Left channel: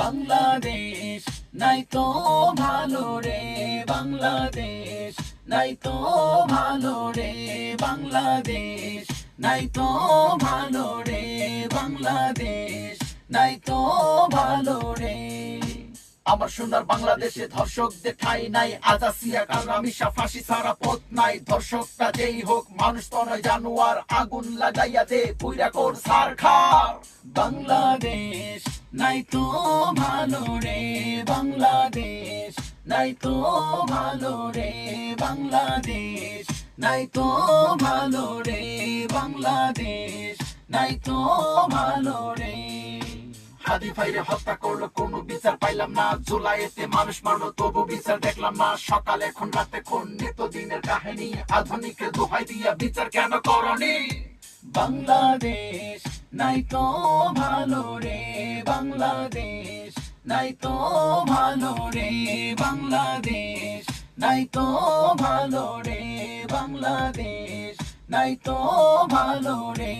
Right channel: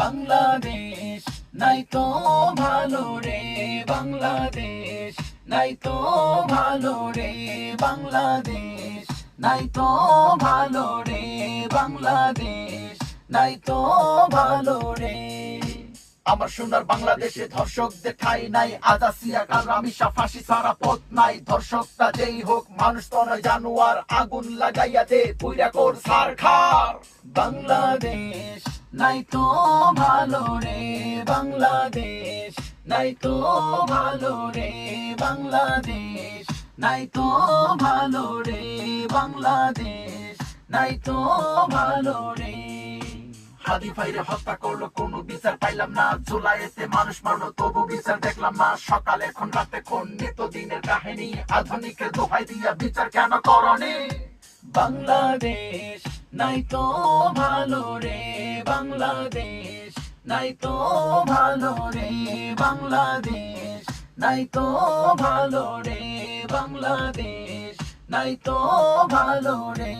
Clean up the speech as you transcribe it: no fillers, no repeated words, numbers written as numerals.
বাংলাদেশ নাই তো ভালো রে বাংলাদেশ নাই তো ভালো রে বাংলাদেশ নাই তো ভালো রে বাংলাদেশ নাই তো ভালো রে। আমার সোনার বাংলাদেশে ধর্ষকদের ঠাই নাই, আজাসিয়া কারামিশা ফাঁসি ছাড়া পথ নাই। ধর্ষকটা যেই হোক মানুষ তো নয় জানোয়ার, আগুন লাগাইয়া দে পুইরা কর ছারখার। বাংলাদেশ নাই তো ভালো রে বাংলাদেশ নাই তো ভালো রে বাংলাদেশ নাই তো ভালো রে বাংলাদেশ নাই তো ভালো রে। হাদি ভাইরে হত্যা করলো কোনো বিচার পাইলাম না, জুলাইতে মানুষ মারলো তবু বিচার দেখলাম না। সকাল এখন রাতে কোন নিত্য দিনের কাহিনী, আধুনিকের দোহাই দিয়া বিচার কেন করনি? বাংলাদেশ নাই তো ভালো রে বাংলাদেশ নাই তো ভালো রে বাংলাদেশ নাই তো ভালো রে বাংলাদেশ নাই তো ভালো রে।